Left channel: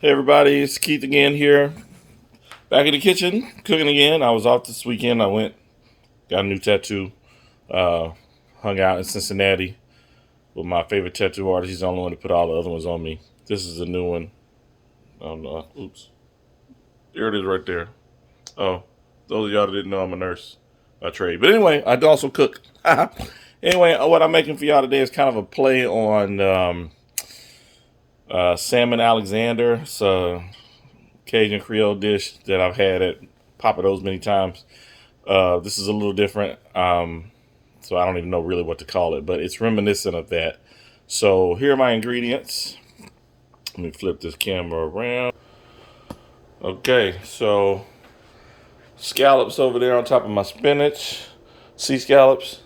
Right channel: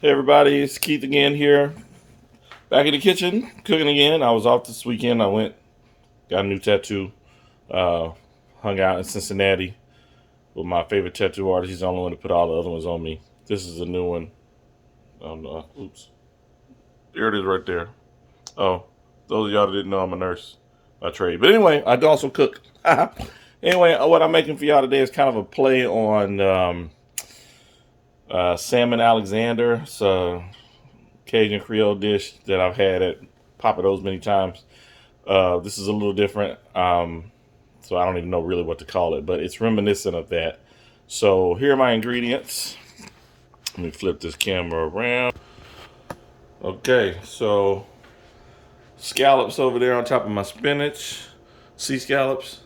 Hey everybody, it's Keith again here. Back in the kitchen, cooking again. I was off this weekend. Got a new tattoo. Uh, Hung out in Cincinnati with my favorite tattoo artist. He's the only one to put all the other ones on me. This is a new one. Oh no, oops. There it is right there. Oh, those of y'all that didn't know, I'm a nurse by trade. But anyway, I do also cook. Anyway, what I'm making for y'all today is kind of a play on Salmon Alexander. It's a Cajun Creole dish that I've had at Papa Do's many times. This is a little different, so I don't even know really what to call it, but it's reminiscent of that. So here are my ingredients. Let me flip this camera around. Okay, so scallops over there on top of my spinach, sea scallops,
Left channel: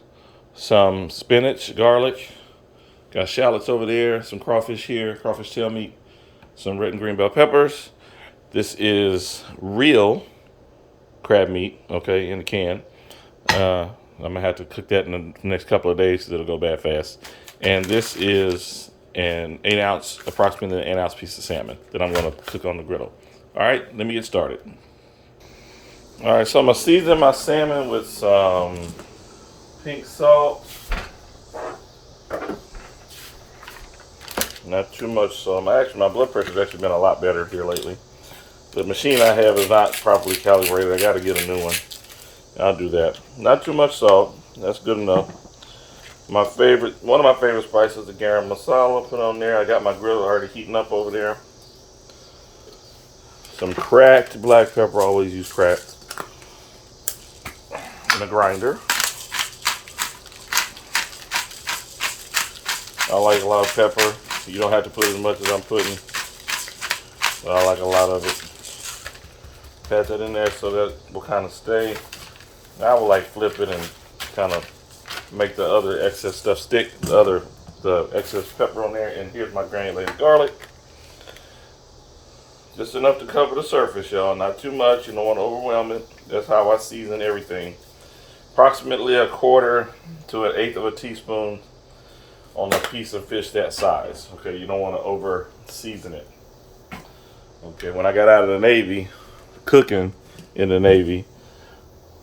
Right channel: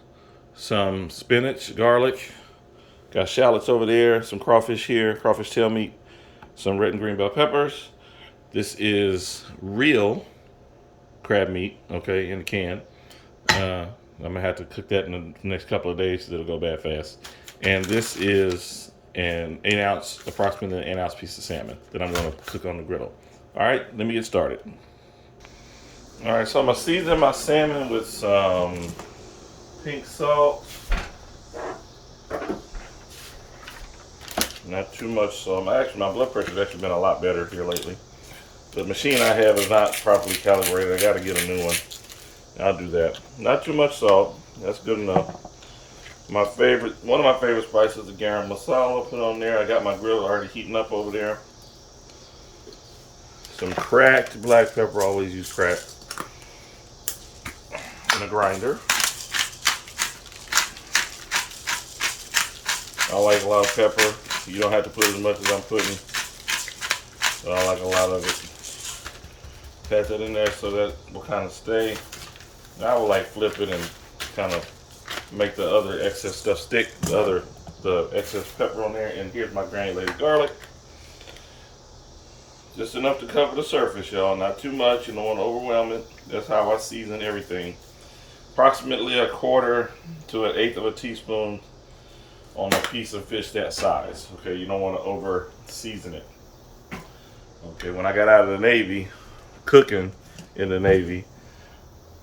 some spinach, garlic, got shallots over there, some crawfish here, crawfish tail meat, some red and green bell peppers. This is real crab meat, okay, in the can. I'm gonna have to cook that in the next couple of days because it'll go bad fast. And this is approximately an 8 ounce piece of salmon that I'm gonna cook on the griddle. All right, let me get started. All right, so I'm gonna season my salmon with some pink salt. Not too much salt. My blood pressure's actually been a lot better here lately. The machine I have is not properly calibrated. I gotta get a new one. I'll do that. Not too much salt. That's good enough. One of my favorite spices, the garam masala. Put on there. I got my grill already heating up over there. Some cracked black pepper. Always use cracked. In a grinder. I like a lot of pepper. You don't have to put as much as I'm putting. But I like a lot of it. Pat that in there so that will kind of stay. I will like flip it and kind of make the other excess stuff stick. The excess pepper on there. And here's my granulated garlic. Just enough to cover the surface, y'all. Not too much. You don't want to overwhelm it. That's how I season everything. Approximately 1/4 to 1/8 of a teaspoon on a piece of fish that size. Okay, you don't want to over season it. Okay, when I got out of the Navy, cooking in the Navy,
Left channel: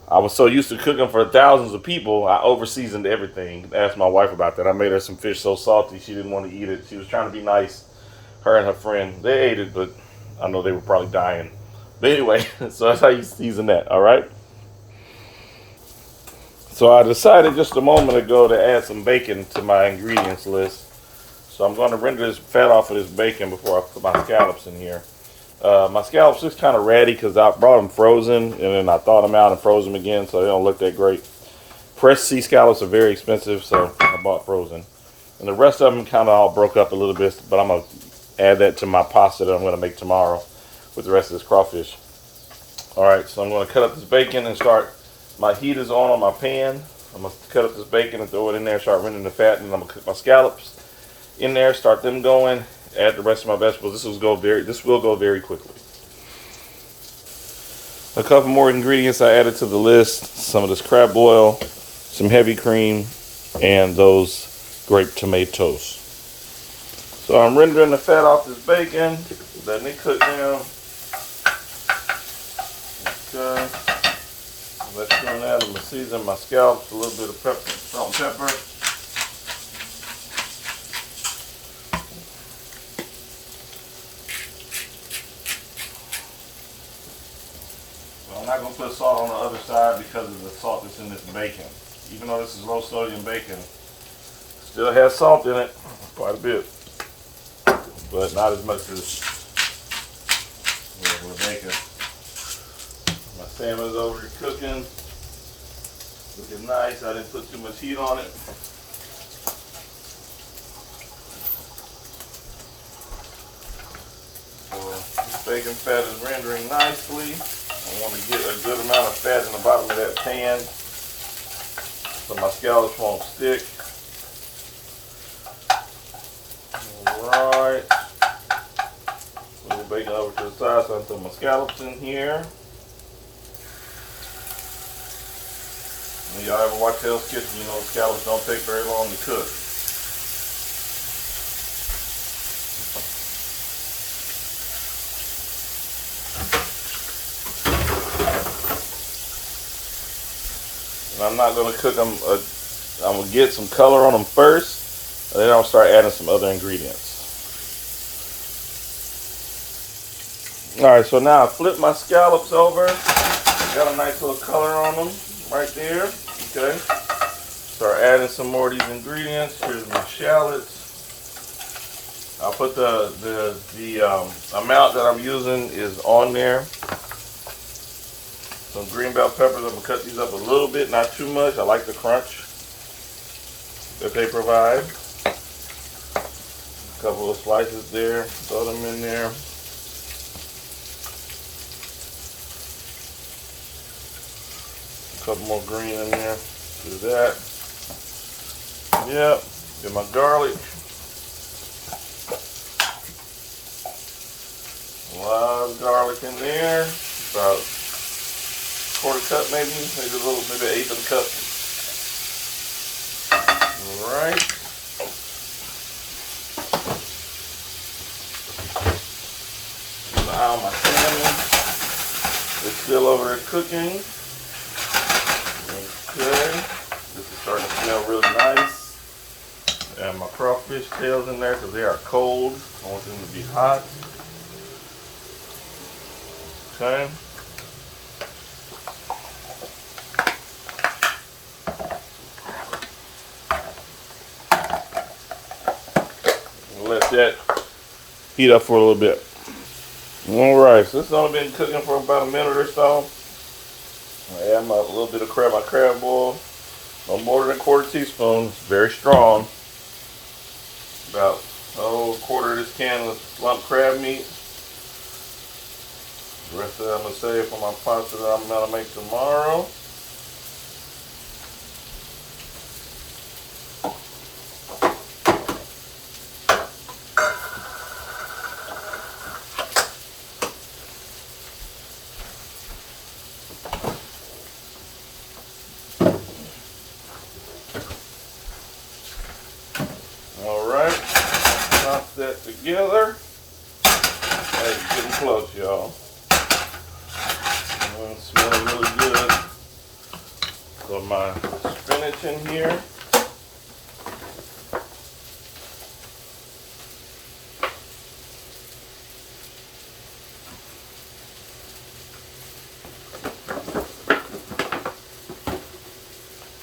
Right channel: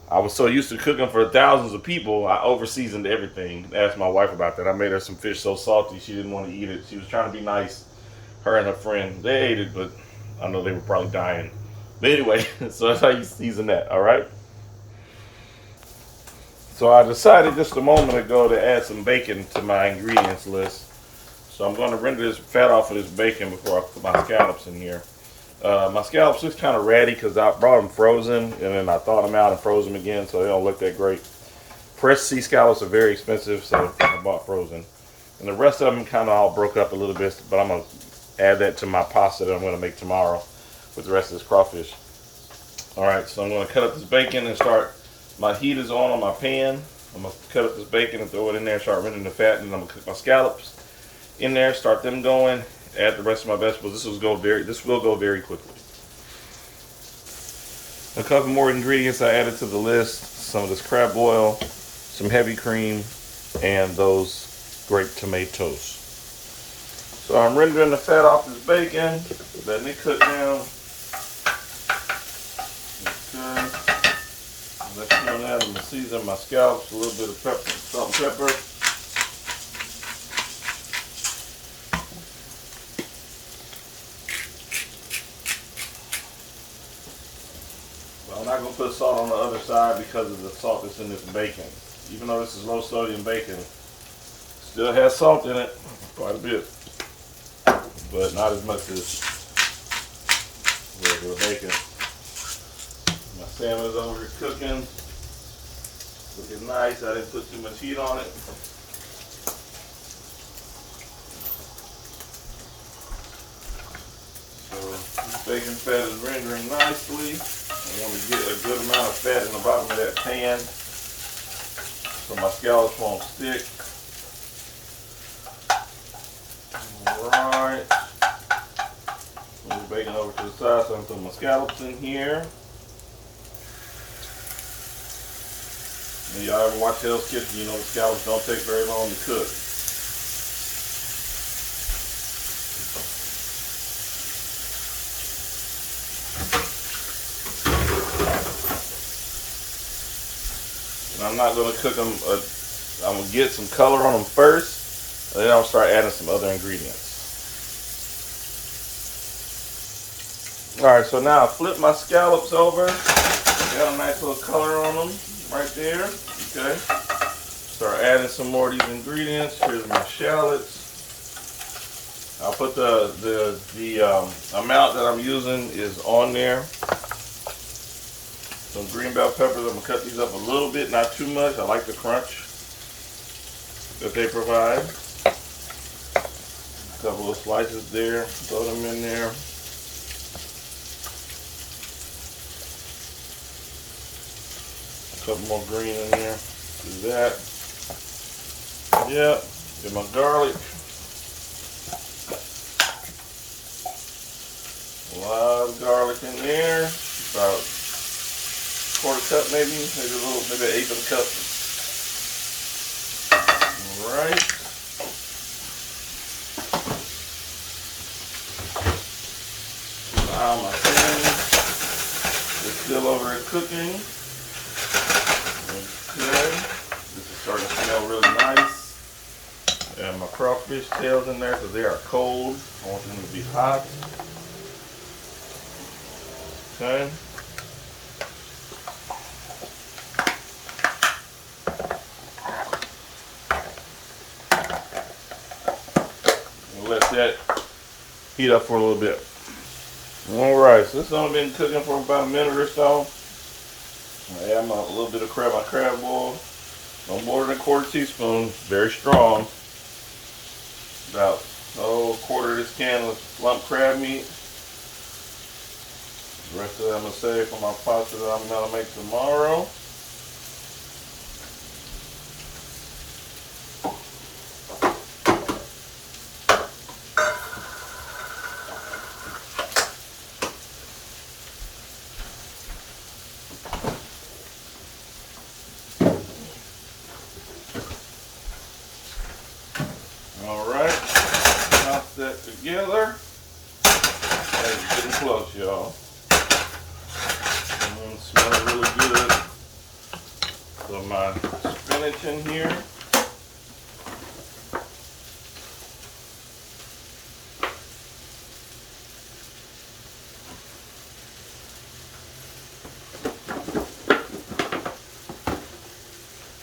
I was so used to cooking for thousands of people, I over seasoned everything. Asked my wife about that. I made her some fish so salty she didn't want to eat it. She was trying to be nice. Her and her friend, they ate it, but I know they were probably dying. But anyway, so that's how you season that, all right? So I decided just a moment ago to add some bacon to my ingredients list. So I'm going to render this fat off of this bacon before I put my scallops in here. My scallops is kind of ratty because I brought them frozen and then I thawed them out and froze them again, so they don't look that great. Fresh sea scallops are very expensive, so I bought frozen. And the rest of them kind of all broke up a little bit, but I'm going to add that to my pasta that I'm going to make tomorrow with the rest of this crawfish. Alright, so I'm going to cut up this bacon and start. My heat is on my pan. I'm going to cut up this bacon and throw it in there, start rendering the fat, and I'm going to cook my scallops in there, start them going. Add the rest of my vegetables. This will go very quickly. A couple more ingredients I added to the list. Some of this crab oil, some heavy cream, and those grape tomatoes. So I'm rendering the fat off this bacon, letting it cook down. Okay. Let's do that. I'm going to season my scallops, a little bit of pepper, salt and pepper. I'm not going to put salt on the other side because of the salt that's in this bacon. Even though this is low sodium bacon, still has salt in it, quite a bit, but not as much as regular bacon. My salmon is over here cooking, looking nice. I didn't put too much heat on it. So this bacon fat is rendering nicely. I want to get a good amount of fat in the bottom of that pan so my scallops won't stick. Alright. Move the bacon over to the side so I can put my scallops in here. When y'all ever watch Hell's Kitchen, you know the scallops don't take very long to cook. And I'm not going to cook them. I'm going to get some color on them first, and then I'll start adding some other ingredients. Alright, so now I flip my scallops over. Got a nice little color on them right there. Okay. Start adding some more of these ingredients. Here's my shallots. I'll put the amount that I'm using is on there. Some green bell peppers. I'm gonna cut these up a little bit, not too much. I like the crunch that they provide. A couple of slices there. Throw them in there. A couple more green in there. Do that. Yep. Get my garlic. A lot of garlic in there. About a quarter cup maybe. Maybe a little, maybe an eighth of a cup. Alright. Keep my eye on my salmon. It's still over there cooking. Okay. This is starting to smell really nice. And my crawfish tails in there because they are cold. I want them to be hot. Okay. We'll let that heat up for a little bit. Alright, so this has only been cooking for about a minute or so. I add a little bit of my crab oil. No more than a quarter teaspoon. It's very strong. About a quarter of this can of lump crab meat. The rest of it I'm going to save for my pasta that I'm going to make tomorrow. Alright, knock that together. Hey, getting close, y'all. Smelling really good. So my spinach in here.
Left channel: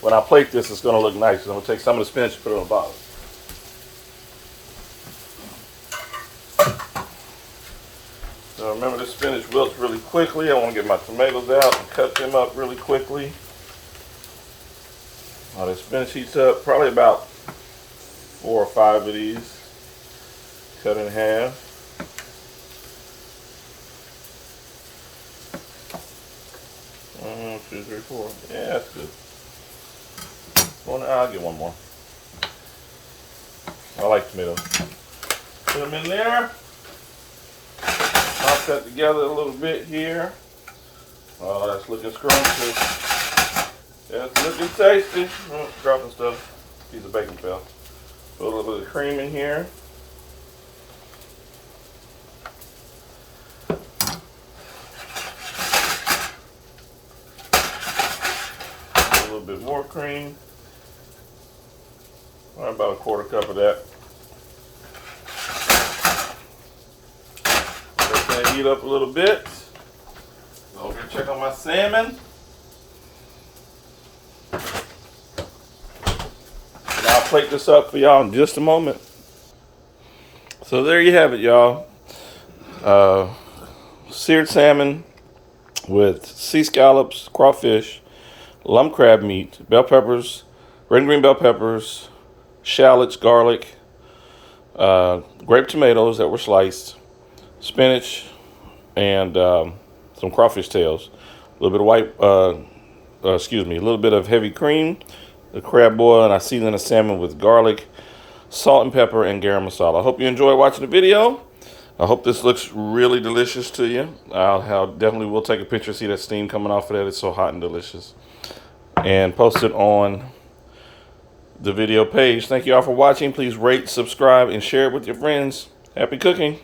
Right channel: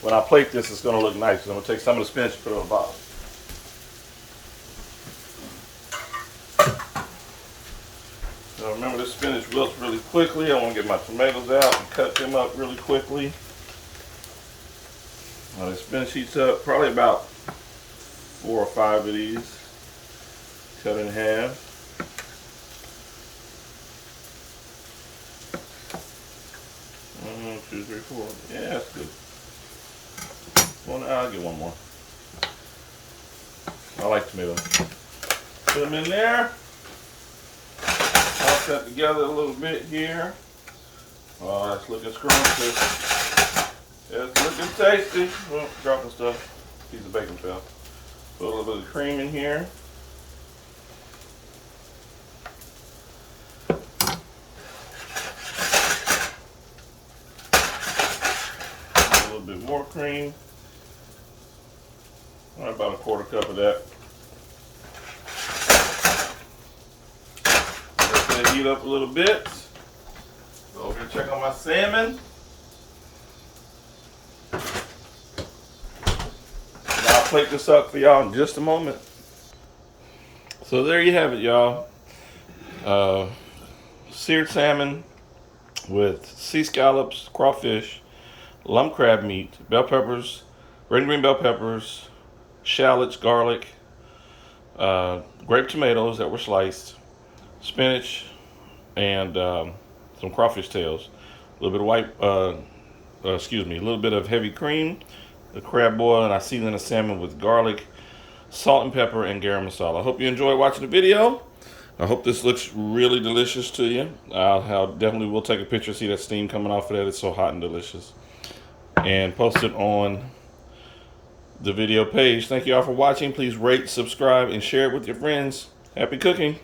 When I plate this, it's going to look nice. I'm going to take some of the spinach and put it on the bottom. So remember, this spinach wilts really quickly. I want to get my tomatoes out and cut them up really quickly. Now the spinach heats up, probably about 4 or 5 of these. Cut in half. One, two, three, four. Yeah, that's good. I'll get one more. I like tomatoes. Put them in there. I'll cut together a little bit here. Oh, that's looking scrumptious. That's looking tasty. Oh, dropping stuff. Piece of bacon fell. Put a little bit of cream in here. A little bit more cream. About a quarter cup of that. Let it heat up a little bit. Go over and check on my salmon. And I'll plate this up for y'all in just a moment. So there you have it, y'all. Seared salmon with sea scallops, crawfish, lump crab meat, bell peppers, red and green bell peppers, shallots, garlic, grape tomatoes that were sliced, spinach, and some crawfish tails. A little bit of a little bit of heavy cream, the crab boil, and I seasoned the salmon with garlic, salt and pepper, and garam masala. I hope you enjoy watching the video. I hope this looks really delicious to you. I definitely will take a picture, see that steam coming off of that. It's so hot and delicious. And post it on the video page. Thank you all for watching. Please rate, subscribe, and share it with your friends. Happy cooking.